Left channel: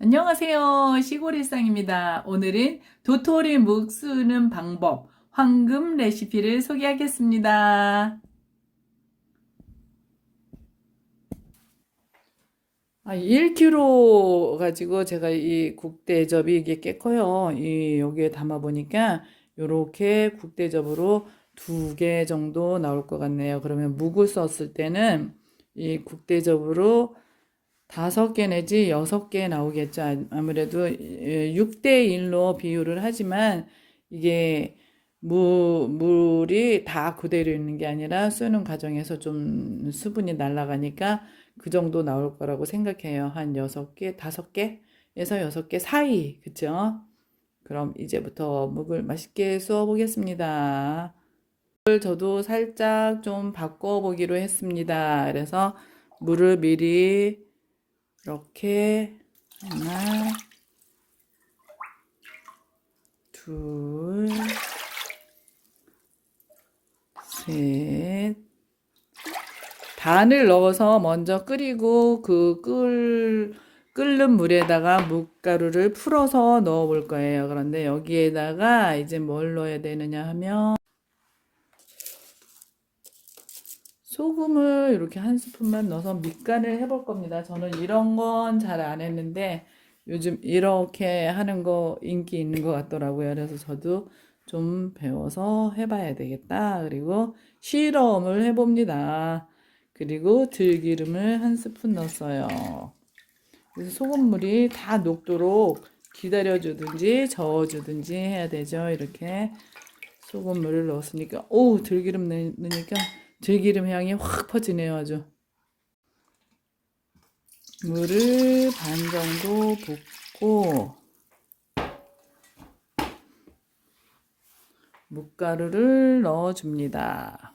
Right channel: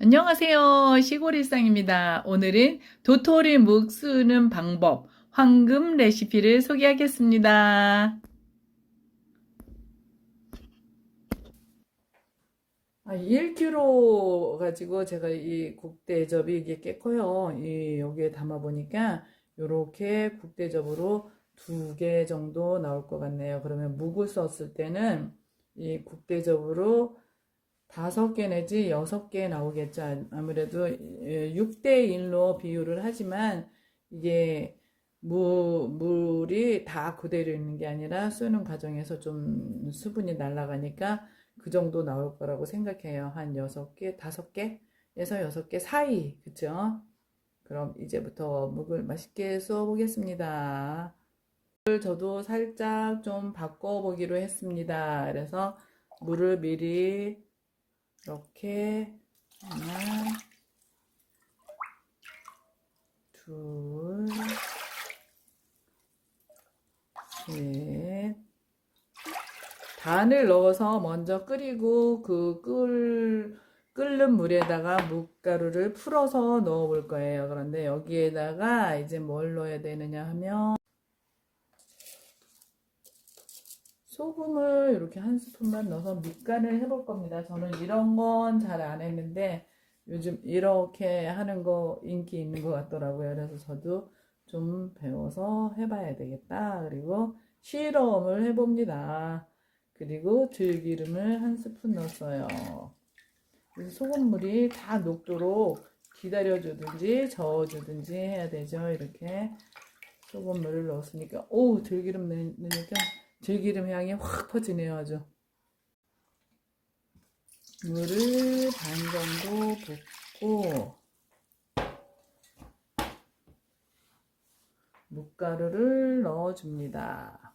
안녕하세요. 시골일상입니다. 오늘은 도토리 묵 쓰는 방법, 황금 레시피를 소개하겠습니다. 1kg 가지고 제가 이 국대접이 이게 꽤 커요. 여기에 담아 보니까 이렇게 국대접으로 2개 정도 나올 것 같네요. 그러면 묵을 썼을 때는 이 국대접으로 5개 내지 6개 나오겠죠. 아무래도 6대1로 비율을 하지만 이게 물이 다 그대로 있는 게 아니라 쓰는 과정에서 좀 수분이 날아가니까 그 정도 나올 거라고 생각해요. 한 6개, 5개에서 6개 사이. 그쵸? 그럼 이제부터 묵을 맛있게 써 보겠습니다. 저도 살짝 좀 바꿔보기로 했습니다. 그래서 물을 미리 이렇게 하나, 둘, 셋. 단을 넣어서 먼저 끓이고 끓는 물에다가 묵가루를 풀어서 넣어 볼 거예요. 그런데 여기에다가 이제 뭘 넣어야 되느냐 하면 소금을 이렇게 한 스푼만 넣어서 밑간을 해볼 겁니다. 저는 이런 건 잘 안 했는데 요즘 이렇게 하는 거 인기 있는 것 같더라고요. 그래서 저도 좀 배워서 해봐야 되겠다. 그리고 실험을 해봅니다. 그리고 들기름을 한 스푼 넣었어요. 그래서 소금물이 다 녹도록 기다려주든지 저어주든지 해야 되죠. 이렇게 소금물을 넣었으니까 오 들기름 넣으니까 들기름 향이 확 퍼지네요. 아주 물을 반 정도 붓고 묵가루를 넣어줍니다.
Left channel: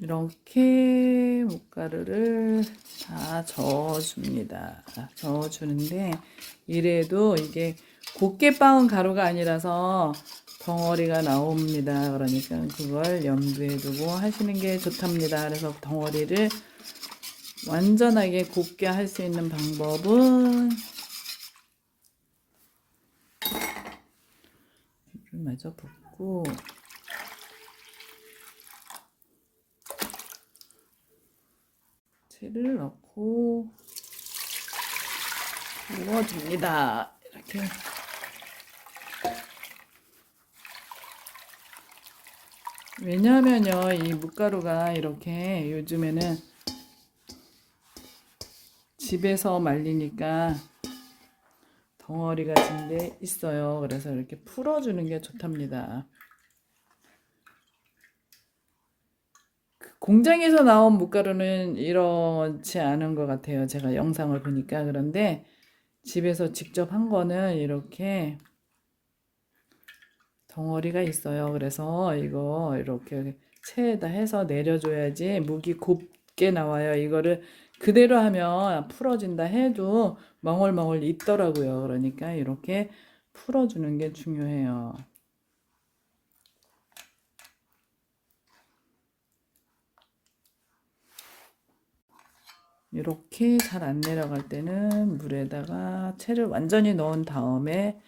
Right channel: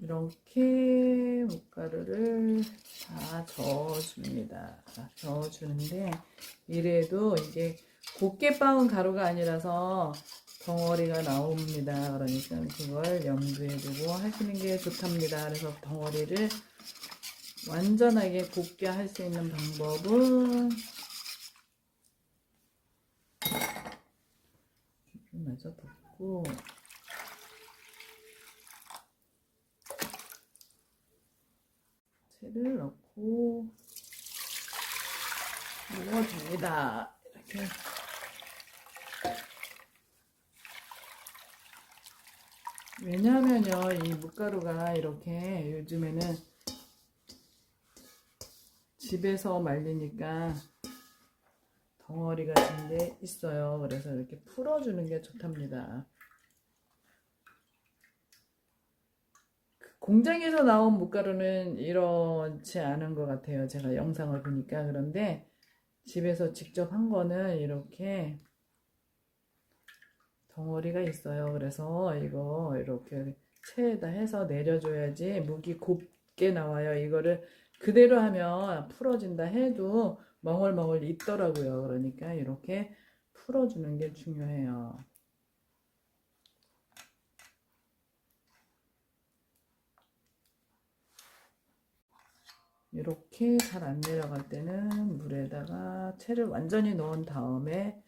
이렇게 묵가루를 다 저어줍니다. 저어주는데 이래도 이게 곱게 빻은 가루가 아니라서 덩어리가 나옵니다. 그러니까 그걸 염두에 두고 하시는 게 좋답니다. 그래서 덩어리를 완전하게 곱게 할 수 있는 방법은 물을 마저 붓고 채를 넣고 넣어줍니다. 이렇게 왜냐하면요 이 묵가루가 이렇게 요즘에는 집에서 말리니까 덩어리가 진 게 있어요. 그래서 이렇게 풀어주는 게 좋답니다. 공장에서 나온 묵가루는 이렇지 않은 것 같아요. 제가 영상을 보니까. 그런데 집에서 직접 한 거는 이렇게 덩어리가 있어요. 그래서 이거 이렇게 체에다 해서 내려줘야지 묵이 곱게 나와요. 이거를 그대로 하면 풀어진다 해도 멍얼멍얼 있더라고요. 그러니까 이렇게 풀어주는 게 중요해요. 이렇게 잘 안 내려갈 때는 물에다가 채를 완전히 넣은 다음에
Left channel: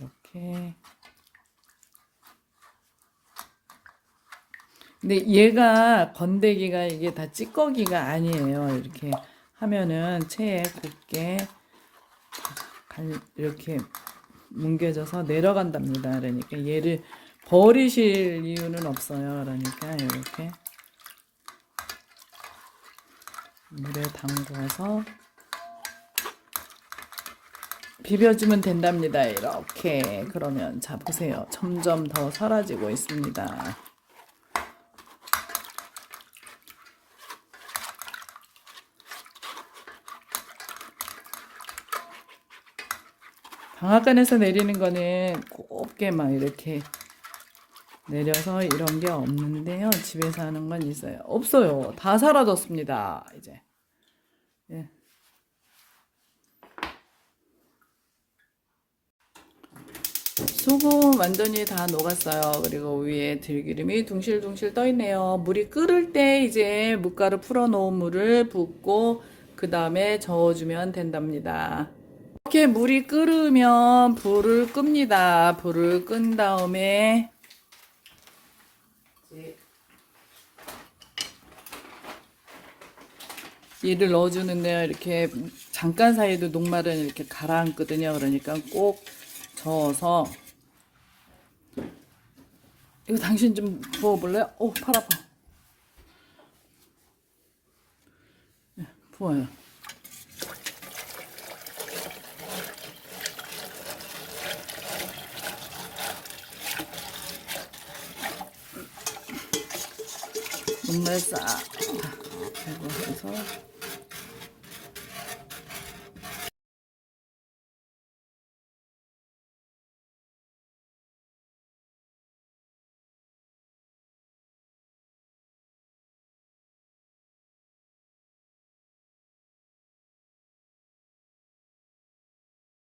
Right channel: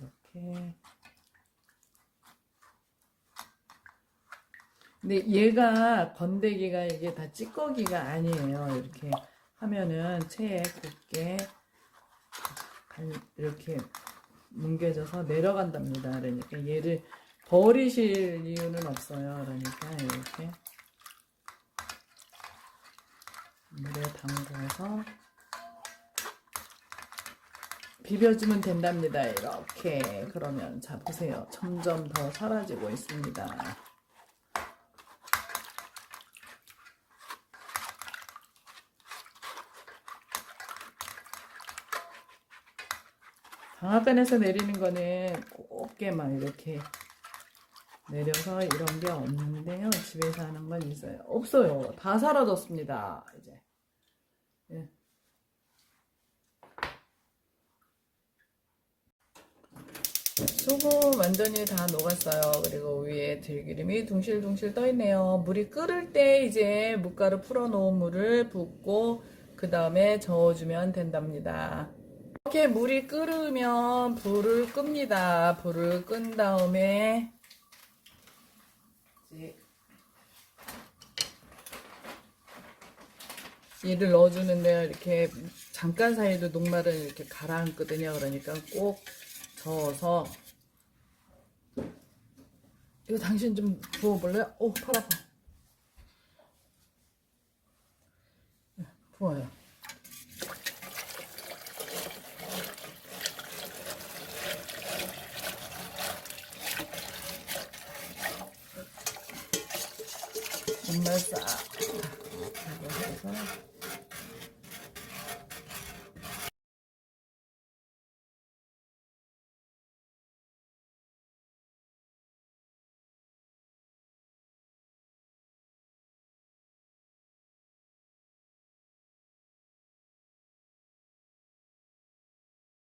이렇게 근데 얘가 건더기가 이게 다 찌꺼기가 아니에요. 이렇게 하면은 체에 곱게 이렇게 뭉개져서 내려간답니다. 그러니까 얘를 버리실 이유는 없어요. 그러니까 이렇게 물에 담궈서 비벼주면 된답니다. 이렇게 그러면 자 보세요. 점점 더 사라지고 있습니다. 방앗간에서 내리는 거는 곱게 막 이렇게 내려서 이런 게 없는데요. 집에서 하는 건 있어요. 없어요. 다 사라졌습니다. 이제. 예. 소금 완전히 다 녹았어요. 그리고 위에 들기름이 둥실둥실 떠 있네요. 물이 끓을 때 이제 묵가루 풀어 놓은 물을 붓고 그 다음에 저어주면 된답니다. 이렇게 물이 끓으면 불을 끕니다. 불을 끈 다음에 얘를 넣어주는데요. 이렇게 잠깐 사이에도 녹말은 이렇게 가라앉거든요. 그러니까 꼭 저어서. 이거 당신 좀 부어볼래요? 오, 팔 아파. 네, 부어요. 녹말 싹 해서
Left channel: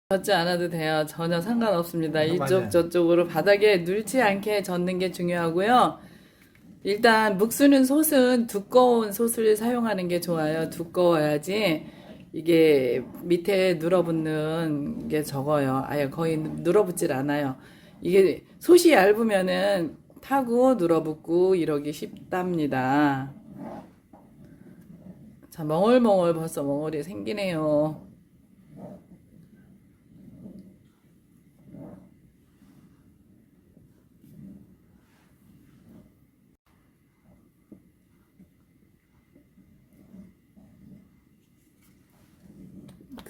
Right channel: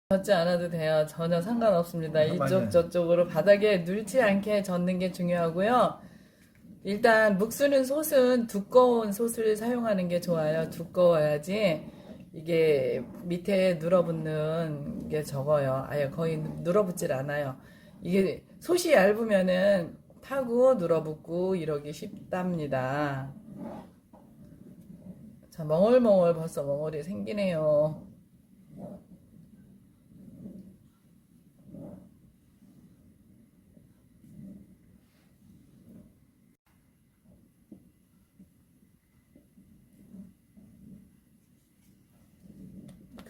젓지 않아도 돼요. 전혀 상관없습니다. 이쪽 맞아요. 저쪽으로 바닥에 눌지 않게 젓는 게 중요하고요. 일단 묵쓰는 솥은 두꺼운 솥을 사용하는 게 좋아요. 두꺼워야지 이게 밑에 눌어붙는 게 적어요. 아예 거의 눌어붙질 않아요. 이게 솥이 얇으면은 타고 눌어붙고 이러기 쉽답니다. 자, 멍울멍울 벌써 멍울이 생기네요.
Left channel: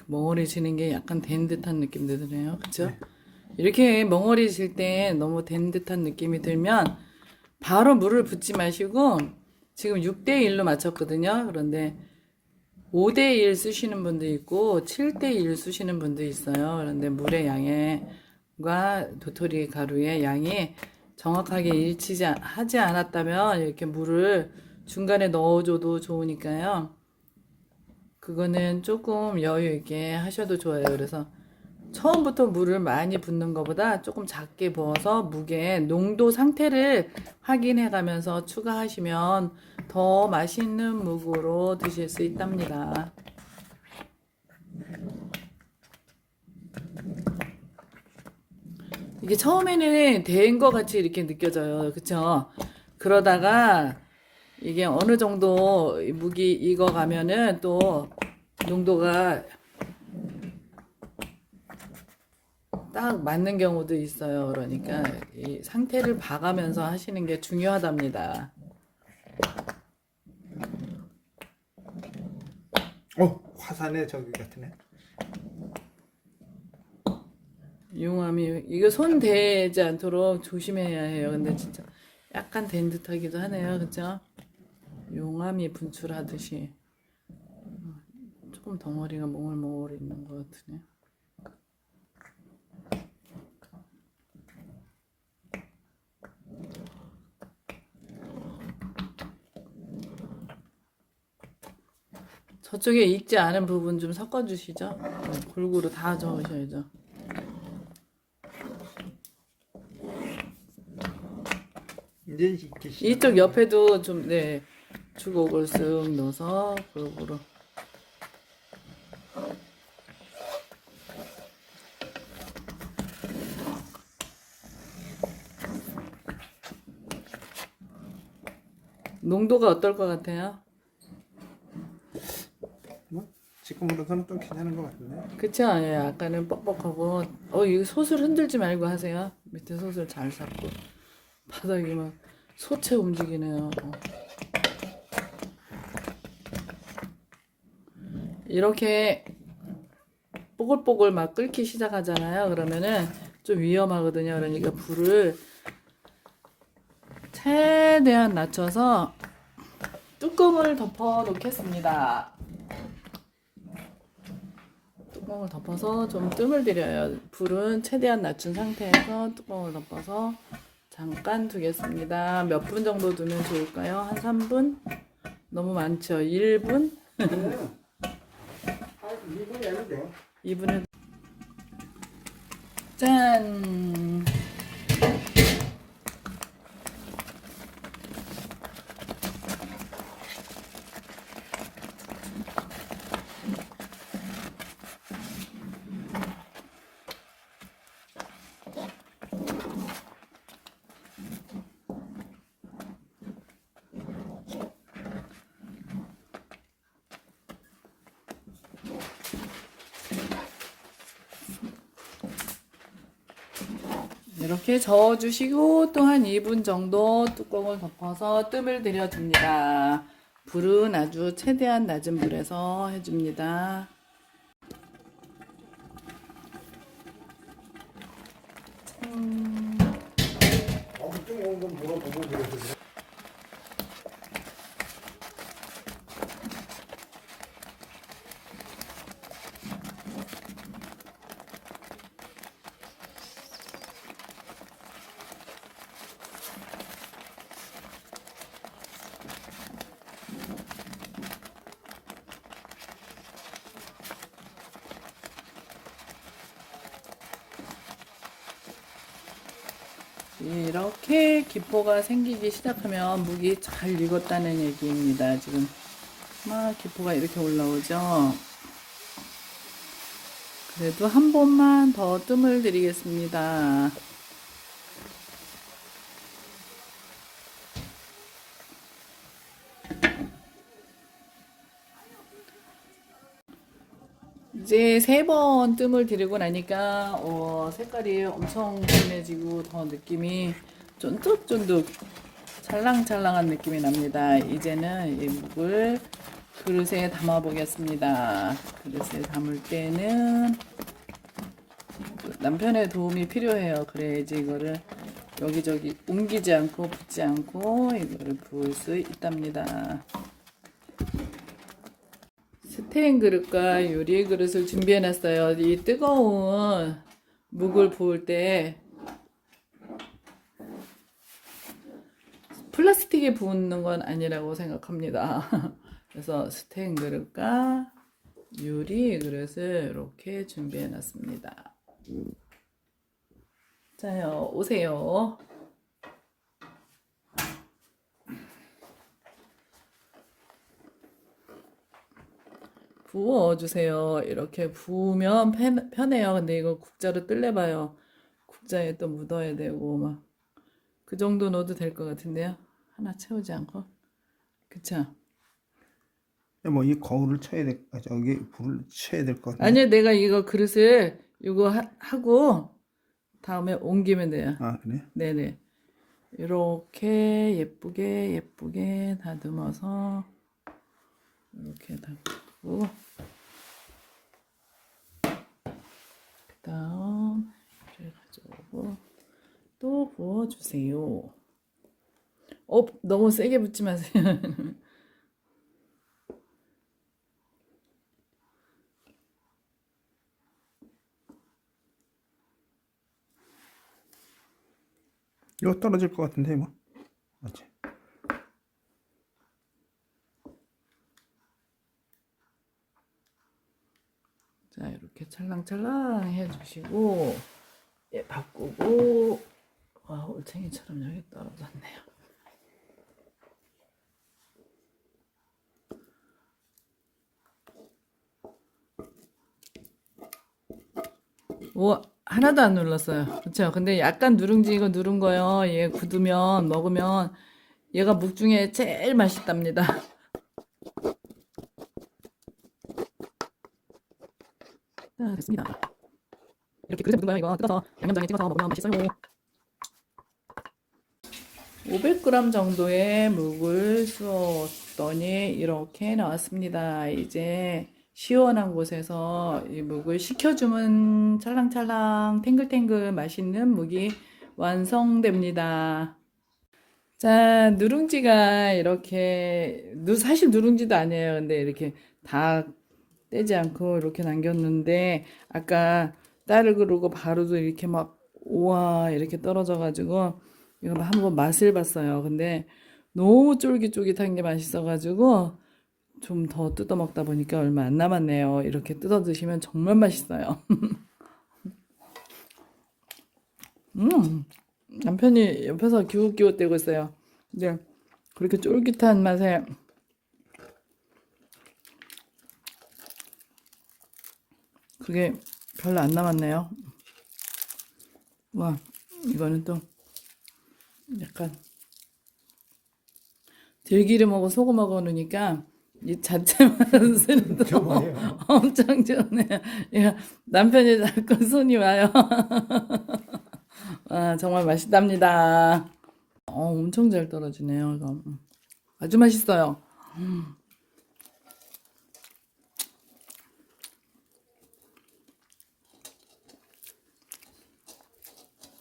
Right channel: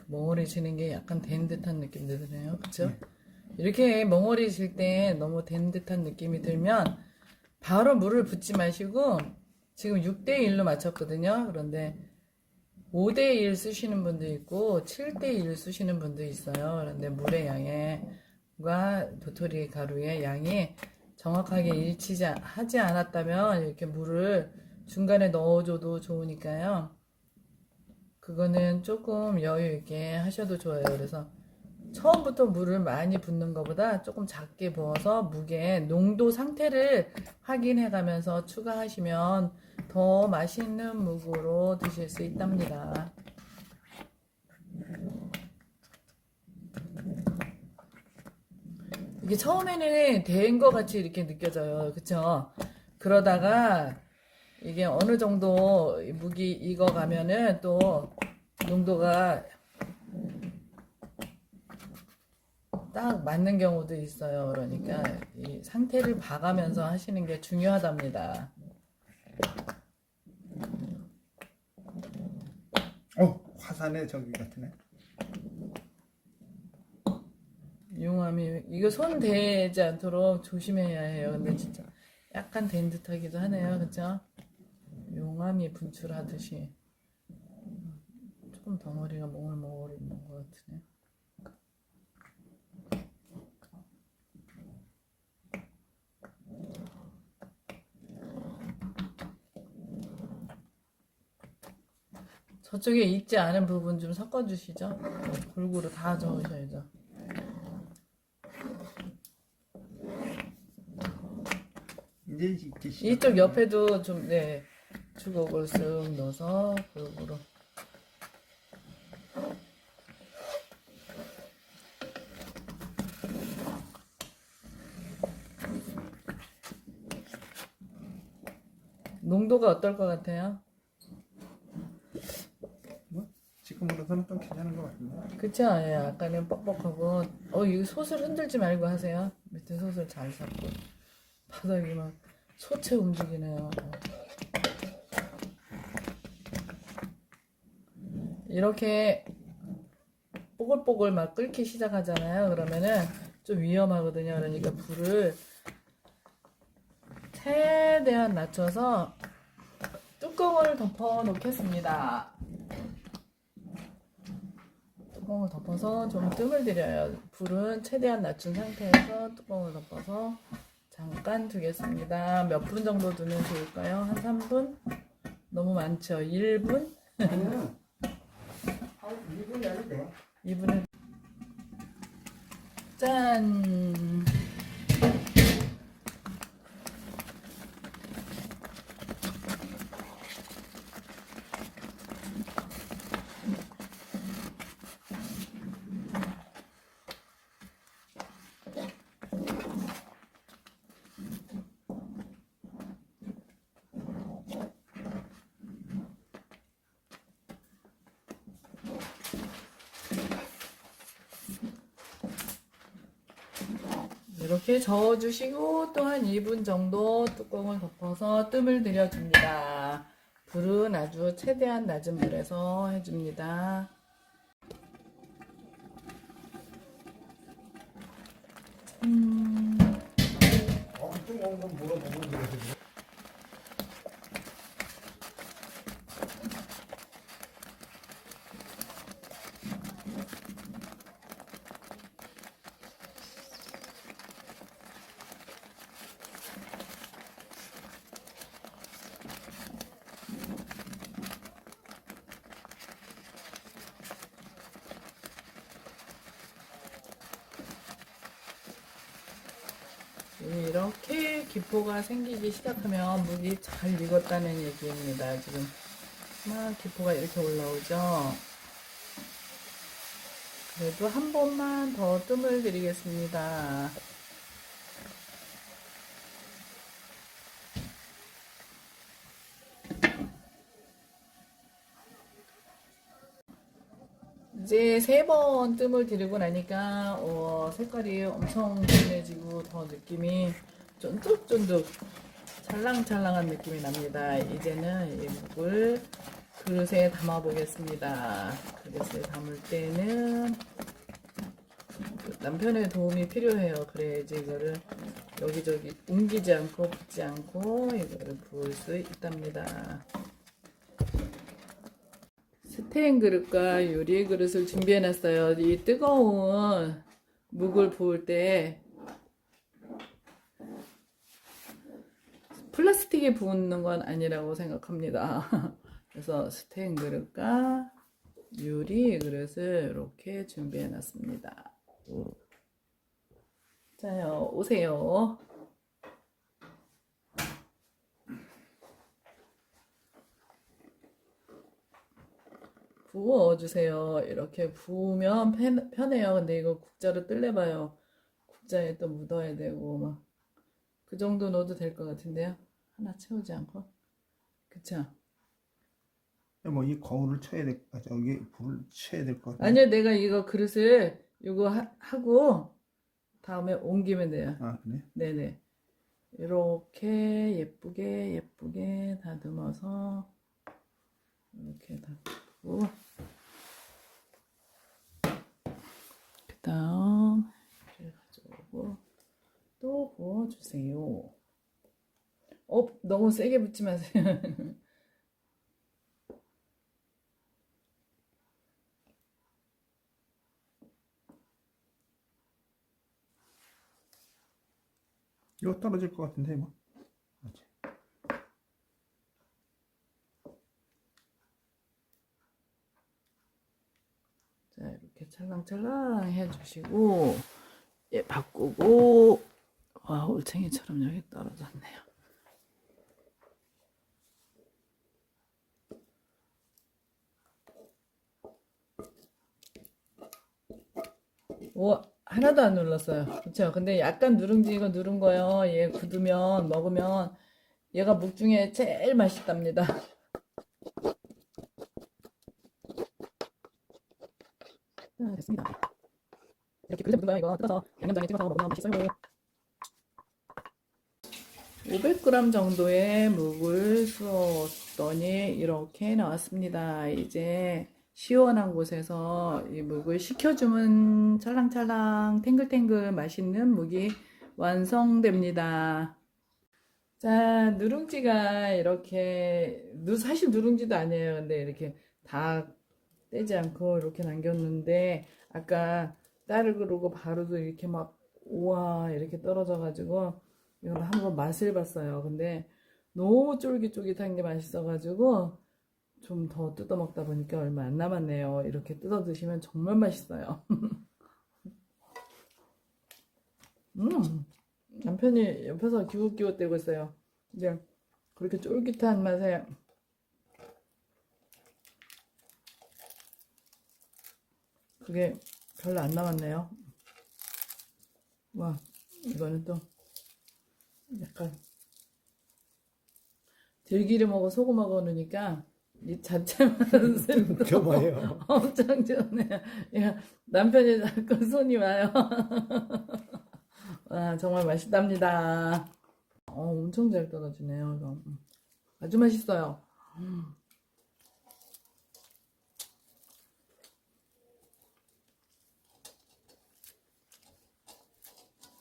멍울이 지는 게 약간 된 듯한 느낌도 드네요. 그쵸? 네. 이렇게 멍울이 질 때 너무 된 듯한 느낌이 들면 바로 물을 붓지 마시고 지금 6대1로 맞췄거든요. 그런데 5대1 쓰시는 분도 있고 7대1 쓰시는 분도 있어요. 그런데 물의 양과 도토리 가루의 양이 정확하게 하지 않았다면 이렇게 물을 중간에 넣어줘도 좋으니까요. 그거는 조금 여유 있게 하셔도 좋아요. 그래서 처음부터 물을 많이 붓는 것보다 조금 작게 부어서 묵의 농도 상태를 확인해 가면서 추가하시면 더 맛있는 묵으로 드실 수 있답니다. 이게 처음에는 된 것 같이 이렇게 느껴져요. 그쵸? 그러다가 이게 어느 정도 묵이 익어가면은 또 농도가 딱 맞는 경우도 있어요. 그러니까 이 상태를 봐가면서 하시는 게 중요하답니다. 화산의 저기 같으네. 용암이 이거 손 대지 않도록 조심해야 해요. 근데 진짜 약간 된 듯하기도 하네요. 그죠? 용암이 분출하듯이 조금 덩어리가 몽글몽글 있는 것 같으네. 저쪽에 익지 않은 부분 좀 섞어주시죠. 골고루 다 저으셔야죠. 이제 익기 이쪽 옆에도 좀, 네, 주걱을 쓱 넣어서 골고루. 농도가 어떨 것 같아요? 지금으로서는 좀 괜찮은 것 같은데. 그쵸? 예, 아까는 뻑뻑하고, 이거 솥을 흔들지 말고 하세요. 밑에 솥을 잘 잡고. 바닥이 막 소체 움직이네요. 이렇게 뽀글뽀글 막 끓기 시작하잖아요. 그러면은 좀 위험하거든요. 그러니까 불을 최대한 낮춰서 뚜껑을 덮어 놓겠습니다. 뚜껑을 덮어서 좀 뜸을 들여요. 불은 최대한 낮춘 상태에서 뚜껑을 덮어서 잠깐 두겠습니다. 몇 분 정도 두면 좋을까요? 한 3분? 너무 많죠? 1분? 2분이 안 돼요. 2분은 짠! 이렇게 저어주시고 또 한 2분 정도 뚜껑을 덮어서 뜸을 들여줍니다. 불은 아주 최대한 낮은 불에서 해줍니다. 뜨거운 건 물어보고 그래서. 이렇게 기포가 생기기 시작하면 묵이 잘 익었다는 얘기입니다. 지금 막 기포가 이렇게 올라오죠. 그래도 한 번만 더 뜸을 들이겠습니다. 이제 3번 뜸을 들이고 나니까 색깔이 엄청 진해지고 더 느낌이 쫀득쫀득 찰랑찰랑한 느낌이 납니다. 이제는 이 묵을 그릇에 담아 보겠습니다. 그릇에 담을 때는 남편의 도움이 필요해요. 그래야지 이거를 여기저기 옮기지 않고 붙지 않고 이거를 부을 수 있답니다. 스테인 그릇과 요리 그릇을 준비해 놨어요. 이 뜨거운 묵을 부을 때 플라스틱에 부는 건 아니라고 생각합니다. 그래서 스테인 그릇과 요리 그릇을 이렇게 준비해 놨습니다. 자요, 오세요. 부어주세요. 이렇게 부으면 편해요. 근데 이거 국자로 뜰래봐요. 국자에 또 묻어야 되고 막 그 정도 넣어도 될 것 같은데요. 하나 채우지 않고. 그쵸? 뭐 이 거울을 쳐야 될, 저기 불을 쳐야 될 것 같은데. 아니요, 내가 이거 그릇을 이거 하고 다음에 옮기면 돼요. 아 그래? 네네. 이렇게 예쁘게 예쁘게 다듬어서 이렇게 닦고 그 다음 이를 가져오고 또 부어주세요. 너무 세게 붓지 마세요. 이거 떨어질 것 같은데 뭐. 맞지? 자, 이렇게 찰랑찰랑 해주시고 예, 바꾸고 와, 올챙이처럼 여기 떨어졌네요. 오, 하나도 안 눌렀어요. 그렇죠? 근데 약간 누룽지 이거 누른 거요. 얘 굳으면 먹으면 얘가 묵 중에 제일 맛있답니다. 자, 됐습니다. 이렇게 그릇에 묻은 거요. 이거 뜯어서 양념장에 찍어서 먹으면 맛있어요. 500g 정도의 묵을 쑤었더니 이렇게 나왔습니다. 이제 시원한 곳에서 이 묵을 식혀주면 찰랑찰랑 탱글탱글 맛있는 묵이 완성됩니다. 자, 누룽지가 이렇게 사실 누룽지도 아니에요. 근데 이렇게 다 떼지 않고 이렇게 남겼는데 아까 딸을 그러고 바로도 이렇게 막 우와 이렇게 떨어져 가지고 이거 한번 맛을 봤어요. 근데 너무 쫄깃쫄깃한 게 맛있어가지고 좀 더 뜯어 먹다 보니까 얼마 안 남았네요. 이렇게 뜯어 드시면 정말 맛있어요. 남편이 옆에서 기웃기웃대고 있어요. 근데 그렇게 쫄깃한 맛에 그게 별로 안 남았네요. 와, 이거는 또 약간 들기름하고 소금하고 넣으니까 이 자체 맛은 줘봐요. 엄청 좋네요. 야, 남편이 자꾸 손이 와요. 아, 정말 맛있답니다. 엄청 잘 떨어지네요, 이거. 아주 맛있어요.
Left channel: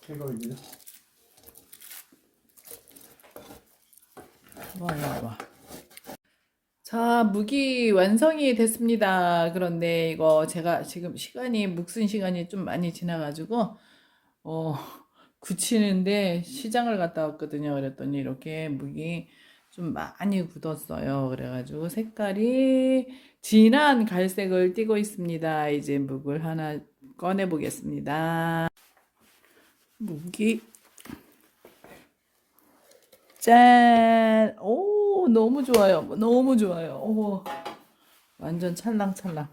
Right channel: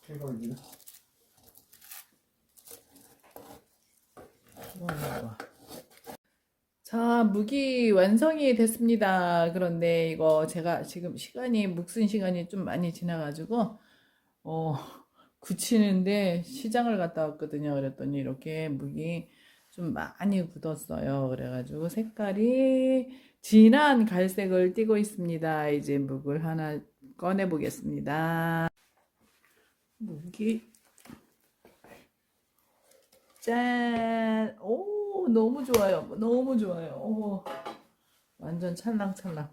최고입니다. 와, 와, 와. 자, 묵이 완성이 됐습니다. 그런데 이거 제가 지금 묵슨 시간이 좀 많이 지나가지고, 어, 굳히는데 시장을 갔다 왔거든요. 그랬더니 이렇게 묵이 좀 많이 굳었어요. 그래가지고 색깔이 진한 갈색을 띠고 있습니다. 이제 묵을 하나 꺼내 보겠습니다. 묵이 짠! 오, 너무 좋아요. 너무 좋아요. 오, 완전 찰랑찰랑.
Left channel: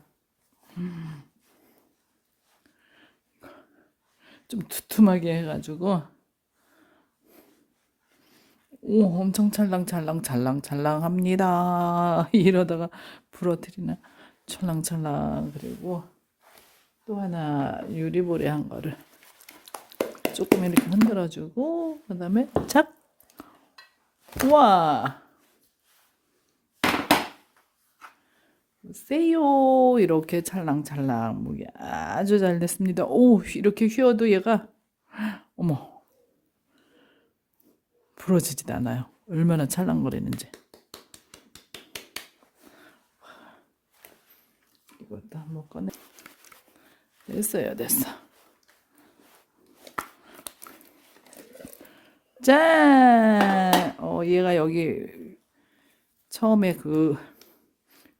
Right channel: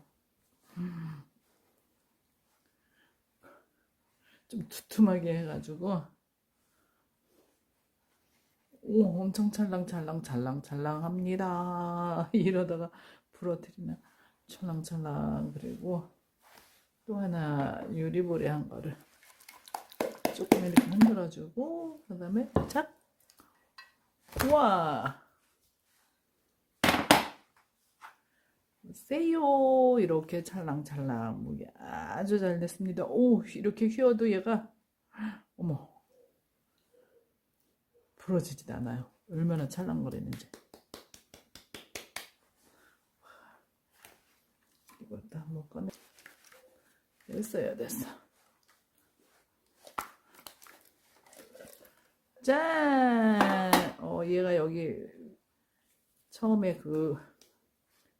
좀 두툼하게 해가지고, 오, 엄청 찰랑찰랑합니다. 이러다가 부러뜨리나. 찰랑찰랑. 그리고 또 하나 유리볼에 한 거를 조금 이렇게 흔들어주고, 그 다음에 착! 우와! 세요 이렇게 찰랑찰랑 무게 아주 잘 됐습니다. 오 이렇게 휘어도 얘가 어머 부러지지도 않아요. 얼마나 찰랑거리는지. 이것도 한번 꺼내. 됐어요, 됐어. 짠! 얘가 여기 처음에 그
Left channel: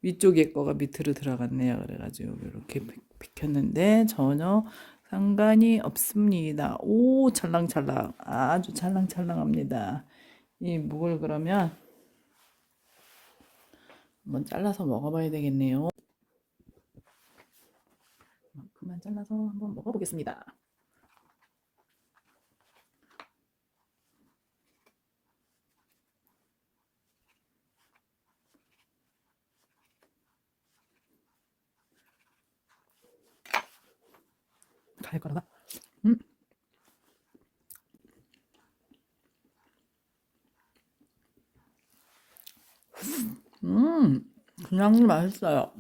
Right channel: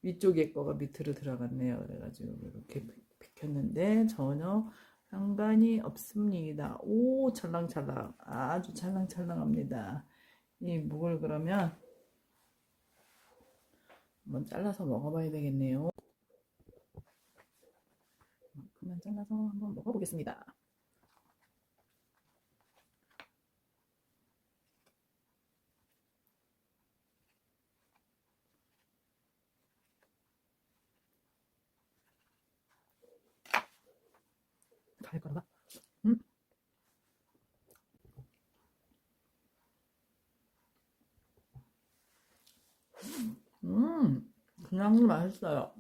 위쪽에 거가 밑으로 들어갔네요. 그래가지고 이렇게 비켰는데 전혀 상관이 없습니다. 오, 찰랑찰랑. 아주 찰랑찰랑합니다. 이 묵을 그러면 한번 잘라서 먹어봐야 되겠네요. 그만 잘라서 한번 먹어보겠습니다. 갈 거라다. 음, 그냥 맛있어요.